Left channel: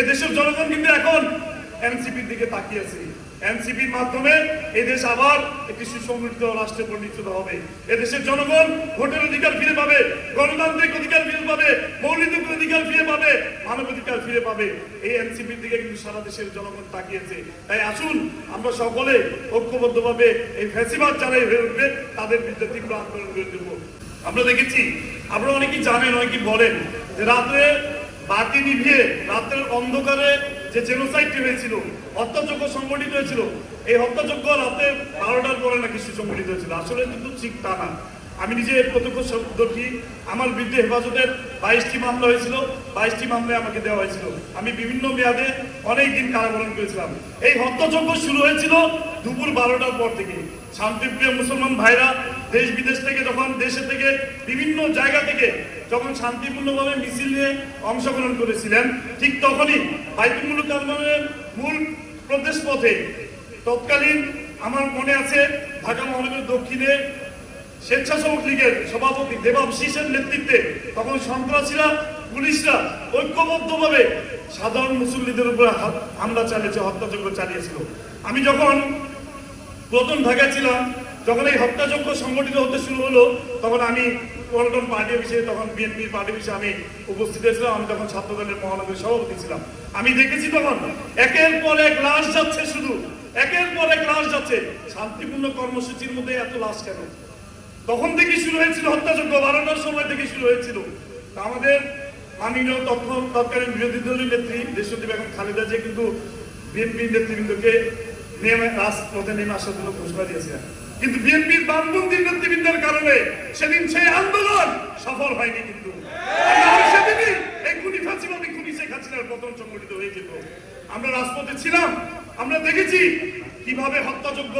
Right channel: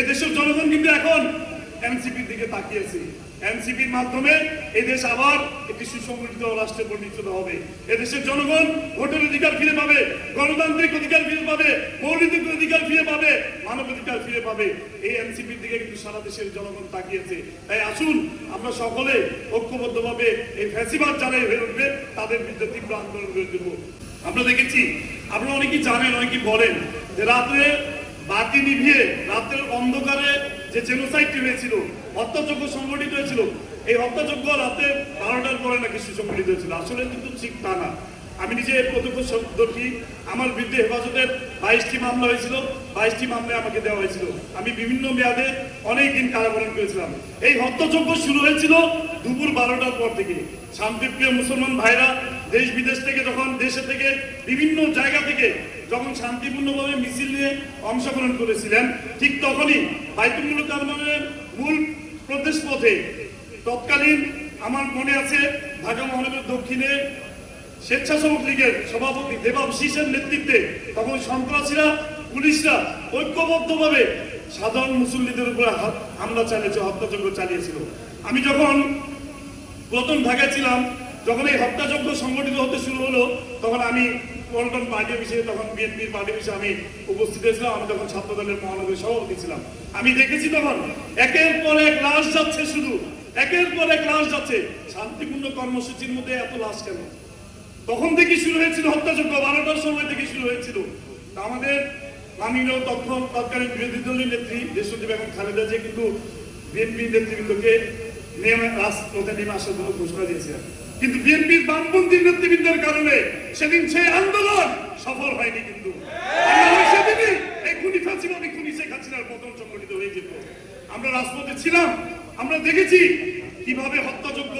এদেশের জনগণ কিন্তু এখন এনসিপির দিকে তাকিয়েছে। এনসিপির মাধ্যমে এদেশ আবার একটি সুসংগঠিত রাষ্ট্রে পরিণত হবে। এদেশের জনগণ ভোটের অধিকার ফিরে পাবে, গণতান্ত্রিক অধিকার ফিরে পাবে, মৌলিক অধিকার ফিরে পাবে, মানবাধিকার ফিরে পাবে। এই এনসিপির দিকে কিন্তু সারা দেশের জনগণ তাকিয়েছে। তাই আসুন আমরা সকলে ঐক্যবদ্ধভাবে এই ফ্যাসিবাদ যারা উঠবে তাদের বিরুদ্ধে তীব্র আন্দোলন করে দেব। আমরা দেখেছি, আপনারা অনেকেই জানেন, অনেকেই বলেন যে রাত্রে বাতি নিভিয়ে রাত্রের অন্ধকারে যে জেনোসাইডটি হয়েছিল, হত্যাযজ্ঞ সংগঠিত হয়েছিল, এই হত্যাযজ্ঞ রাতে 12টার পরে নাকি সুসংগঠিত হয়েছিল। আসলে কিন্তু ঠিক তা না। আমি নিজে প্রত্যক্ষদর্শী। আমার বিরুদ্ধে হেফাজতের 22টি মামলা হয়েছিল, 22টি মামলায় আমাকে দেওয়া হয়েছিল। আমি বিভিন্ন মেয়াদে অনেকদিন কারাবরণ করেছিলাম। এই হত্যাযজ্ঞ শুরু হয়েছিল দুপুর 12টার পর থেকে। শান্তিপ্রিয় মুসলমান ভাইরা দেশ বিদেশ থেকে যখন দেশে থেকে বিভিন্ন জায়গা থেকে যখন শান্তিপূর্ণভাবে মিছিল নিয়ে অংশগ্রহণ করেছিলেন, ঠিক তখনই বাইতুল মুকাররমের মূল প্রবেশ পথে তৎকালীন আমার মনে আছে ঢাকা মহানগর দক্ষিণে স্বেচ্ছাসেবক লীগের সভাপতি দেবাশিসের নেতৃত্বে তখন সন্ত্রাসীরা, পুলিশরা ঐক্যবদ্ধভাবে সাধারণ মুসল্লিদের উপর হামলা চালিয়েছে, হত্যাযজ্ঞ চালিয়েছিল। আমি যখন প্রথম ঢাকায় ছিলাম, যখন এই হত্যাযজ্ঞ সংগঠিত হতে শুরু হলো, তখন আমি পল্টন পার্টি অফিসে, তখন বিএনপির পার্টি অফিসে আমি উপস্থিত হয়েছিলাম। আমি তখন ছাত্র দলের মহানগর সভাপতি ছিলাম। আমি দেখেছি তখন একের পর এক লাশ যাচ্ছে, শুধু একের পর এক লাশ যাচ্ছে। শান্তিপূর্ণ কর্মসূচির মধ্যে এত লাশ কেন? তখন থেকে শুরু হয়েছিল হত্যাযজ্ঞ, 12টার সময় থেকে শুরু হয়েছিল। আমাদের মাননীয় তৎকালীন বিরোধী দলীয় নেত্রী দেশনেত্রী বেগম খালেদা জিয়া কিন্তু বিএনপি নেতৃবৃন্দকে রাজপথে নেমে আসার জন্য ঘোষণা দিয়েছেন, কিন্তু বিএনপির বামপন্থী নেতৃবৃন্দের কারণে সেদিন সেই আন্দোলন সফল হয়নি। কিন্তু সেদিনই এই খুনি ফাঁসিবাদী খুনি শেখ হাসিনার পতন সংগঠিত হয়ে যেত। আমরা রাজপথে ছিলাম, আমরা দেখেছি কিভাবে হত্যাযজ্ঞ